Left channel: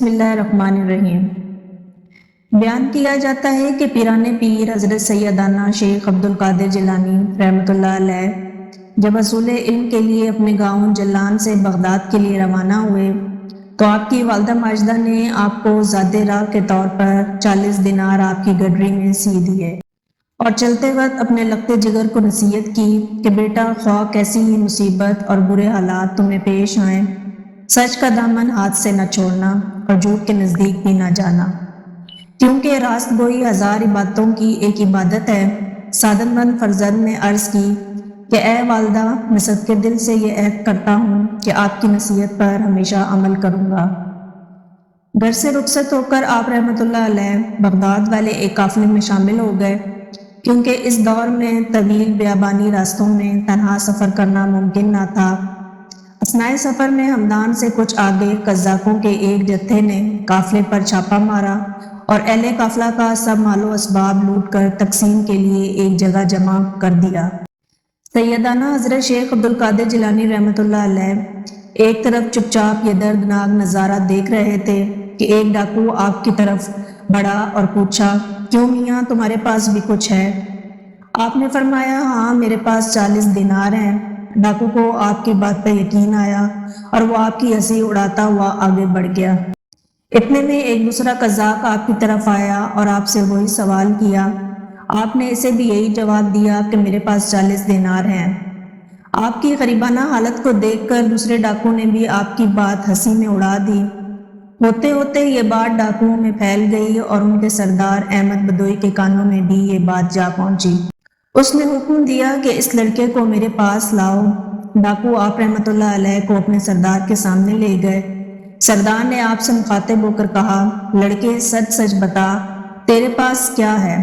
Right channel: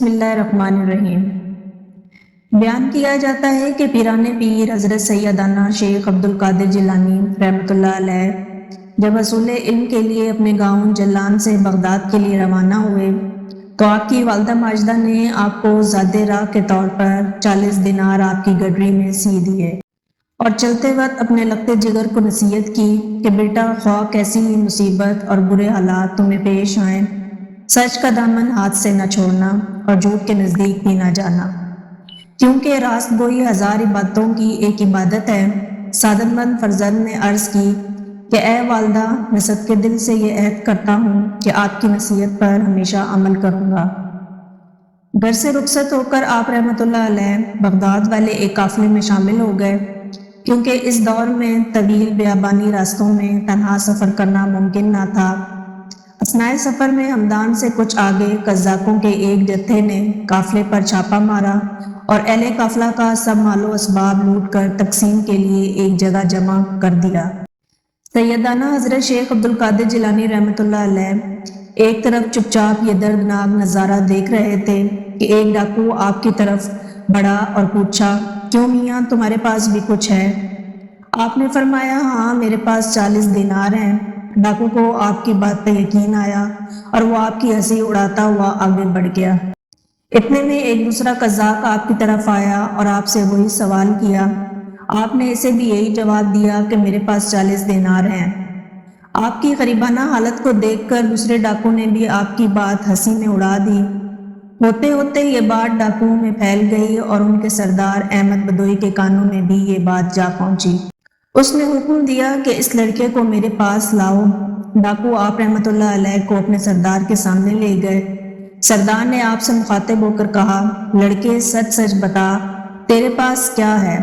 بسم اللہ الرحمن الرحیم۔ بیان کیا جاتا ہے کہ پیران پیر حضرت سیدنا شیخ عبدالقادر جیلانی رحمۃ اللہ علیہ جب حصول علم کے لیے اپنے گاؤں جلان سے بغداد کے لیے روانہ ہوئے تو آپ کی والدہ ماجدہ نے آپ کو ذاتی راہ کے طور پر 40 دینار آپ کی گڈری میں سی دیے اور چلتے وقت اپنے لگتے جگر کو نصیحت کی کہ بیٹا خواہ کیسی ہی مصیبت اور برے حالات تمہیں پیش آئیں، سچ کا دامن ہاتھ سے نہ چھوڑنا اور جھوٹ کے نزدیک بھی نہ جانا، کیونکہ راست گوئی 1000 عبادتوں کی ایک عبادت ہے۔ سعادت مند فرزند نے عرض کی کہ اے والدہ، میں صدقے دل سے یہ عہد کرتا ہوں کہ آپ کی نصیحت پر ہمیشہ عمل کروں گا۔ گھر سے رخصت ہو کر آپ رحمۃ اللہ علیہ بغداد والے ایک قافلے میں شامل ہو گئے، کیونکہ اس دور میں طویل بیابانی راستوں میں تنہا سفر کرنا ممکن نہ تھا۔ اثناء سفر میں ہمدان سے کچھ آگے قذاقوں کے ایک جتھے نے قافلے پر چھاپا مارا اور اہل قافلہ کا سب مال و اسباب لوٹ کر تقسیم کے لیے ایک جگہ جمع کر دیا۔ سیدنا حضرت شیخ عبدالقادر جیلانی رحمۃ اللہ علیہ ایک طرف چپ چاپ یہ دردناک نظارہ دیکھ رہے تھے کہ ایک ڈاکو آپ کی طرف بڑھا اور پوچھا، کیوں میاں تمہارے پاس بھی کچھ ہے؟ آپ نے فرمایا، ہاں میرے پاس 40 دینار ہیں۔ ڈاکو کو آپ کی بات پہ یقین آیا اور وہ آپ کی ہنسی اڑاتا ہوا آگے بڑھ گیا۔ اتنے میں ایک دوسرا قذاق آپ کی طرف آیا اور آپ سے وہی سوال کیا۔ آپ نے اسے بھی یہی جواب دیا کہ میرے پاس 40 دینار ہیں۔ آپ کی غریبانہ حالت کو دیکھ کر دوسرے ڈاکو نے بھی آپ کی بات ہنسی میں اڑا دی۔ ہوتے ہوتے یہ بات ڈاکوؤں میں پھیل گئی اور ان کے سردار احمد بدوئی کے کانوں میں بھی یہ بات جا پہنچی۔ اس نے حکم دیا کہ اس لڑکے کو میرے پاس لاؤ۔ ڈاکو آپ رحمۃ اللہ علیہ کو اپنے سردار کے سامنے لے گئے۔ سردار نے آپ سے مخاطب ہو کر کہا، لڑکے سچ سچ بتا، تیرے پاس کیا ہے؟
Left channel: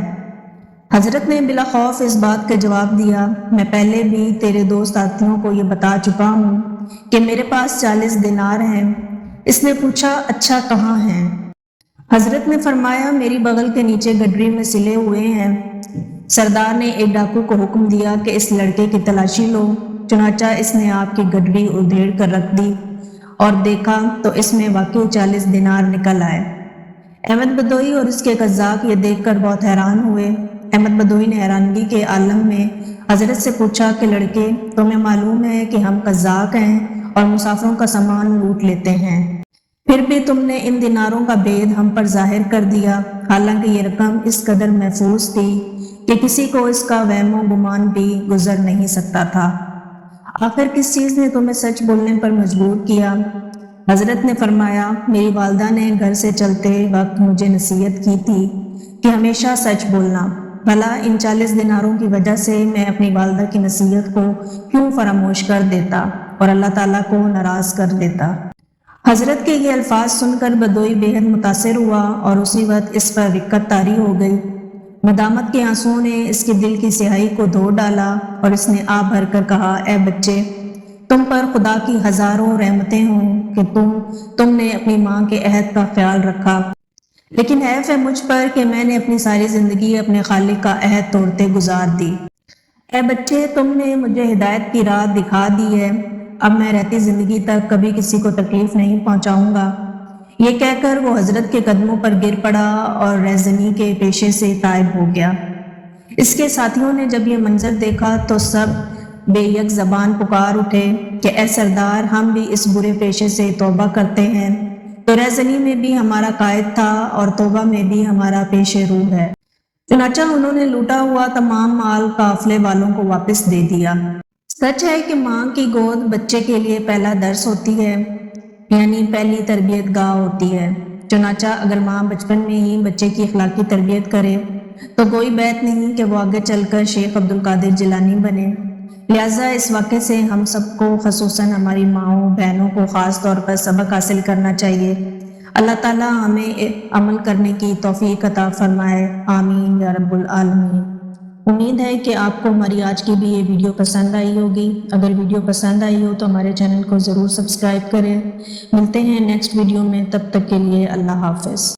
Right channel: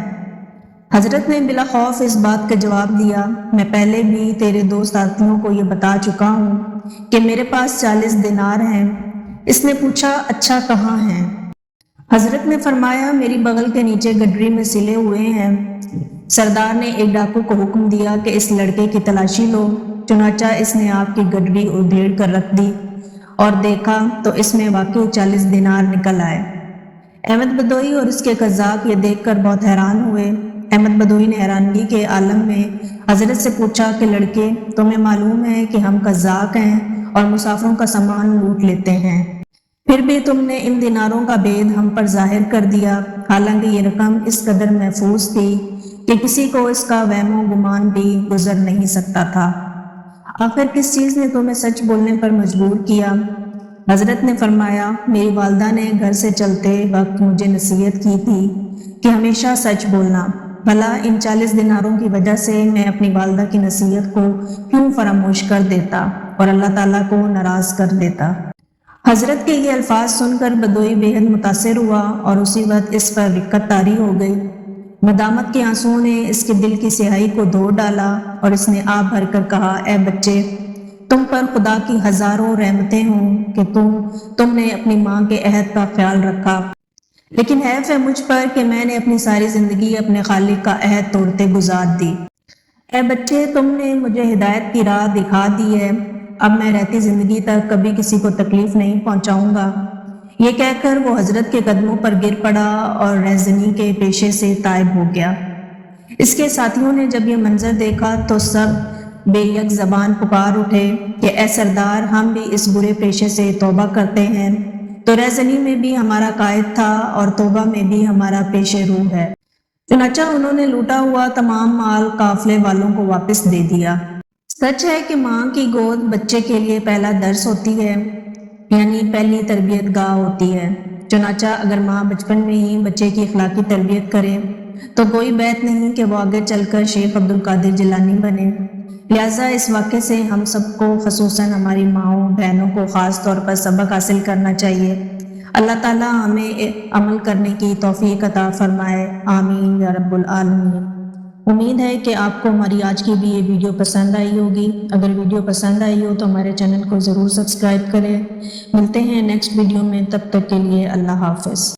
حضرت نے بلا خوف اس بات کا جواب دیا، میں پہلے بھی تیرے دوست ساتھیوں کو یہ بتا چکا ہوں کہ میرے پاس 40 دینار ہیں۔ اس نے پوچھا، اچھا کہاں ہیں؟ حضرت نے فرمایا، میری بغل کے نیچے گڈری میں سلے ہوئے ہیں۔ سردار نے ایک ڈاکو کو حکم دیا کہ اس لڑکے کی تلاشی لو۔ چنانچہ اس نے آپ کی گڈری ادھیڑ کر رکھ دی اور دیکھا تو اس میں واقعی 40 دینار نکل آئے۔ احمد بدوئی اور اس کے قذاق یہ دیکھ کر بہت حیران ہوئے۔ احمد بدوئی نے حیرانگی کے عالم میں حضرت سے پوچھا کہ لڑکے، تمہیں معلوم ہے کہ ہم قذاق ہیں اور مسافروں کا سامان لوٹ لیتے ہیں، پھر بھی تم نے ان دیناروں کا بید ہم پر ظاہر کر دیا، حالانکہ یہ رقم اس قدر محفوظ تھی کہ کسی کو اس کا وہم و گمان بھی گزر نہیں سکتا تھا۔ آخر کس چیز نے تمہیں سچ بولنے پر مجبور کیا؟ حضرت نے فرمایا، میری والدہ نے گھر سے چلتے وقت مجھے نصیحت کی تھی کہ ہمیشہ سچ بولنا، بھلا ان 40 دیناروں کی وجہ سے میں اپنی والدہ کی نصیحت کو کیوں فراموش کر دیتا اور اللہ تعالیٰ کو ناراض کر لیتا۔ حضرت کے یہ الفاظ سن کر بدوئی بےحد متاثر ہوا اور اسی وقت اس پر رقت طاری ہو گئی۔ ندامت کے آنسوؤں نے اس کے دل کی سیاہی کو دھو ڈالا اور اس نے آہ بھر کر کہا، اے بچے، تم پر خدا کی ہزاروں رحمتیں ہوں کہ تم نے اپنی ماں کے عہد کا خیال رکھا، لیکن حیف ہے مجھ پر کہ میں نے اپنی ساری زندگی اپنے خالق کا عہد توڑتے گزار دی۔ اے بچے، تم نے مجھے ہدایت کی راہ دکھا دی ہے، اب میں رہتی زندگی تک کبھی کسی کو تکلیف نہیں پہنچاؤں گا۔ یہ کہہ کر وہ حضرت کے قدموں پر گر پڑا اور رہزنی کے پیشے سے تائب ہو گیا۔ اس کے ساتھیوں نے جب یہ منظر دیکھا تو سب بے یک زبان پکار اٹھے کہ اے سردار، ہم بھی اس برے پیشے سے توبہ کرتے ہیں، تو رہزنی میں بھی ہمارا قائد تھا اور توبہ میں بھی ہمارا پیش روح ہے۔ چنانچہ انہوں نے لوٹا ہوا تمام مال قافلے والوں کو واپس دے دیا۔ سچ ہے کہ ماں کی گود بچے کے لیے پہلا درس ہوتی ہے، یعنی پہلی تربیت گاہ ہوتی ہے۔ چنانچہ اگر ماں بچپن میں ہی بچے کی اخلاقی تربیت کرے تو کوئی بات نہیں کہ وہ آگے چل کر شیخ عبدالقادر جیلانی بنے۔ لہٰذا اس واقعے سے ہم سب کو، خصوصاً ہماری ماؤں بہنوں کو خاص طور پر سبق حاصل کرنا چاہیے۔ اللہ تعالیٰ ہمیں عمل کرنے کی توفیق عطا فرمائے، آمین یا رب العالمین۔ امید ہے کہ آپ کو ہماری آج کی بھی یہ ویڈیو پسند آئی ہوگی۔ اگر ویڈیو پسند آئی ہو تو ہمارے چینل کو ضرور سبسکرائب کریں۔ ملتے ہیں نیکسٹ ویڈیو میں، تب تک کے لیے اللہ حافظ۔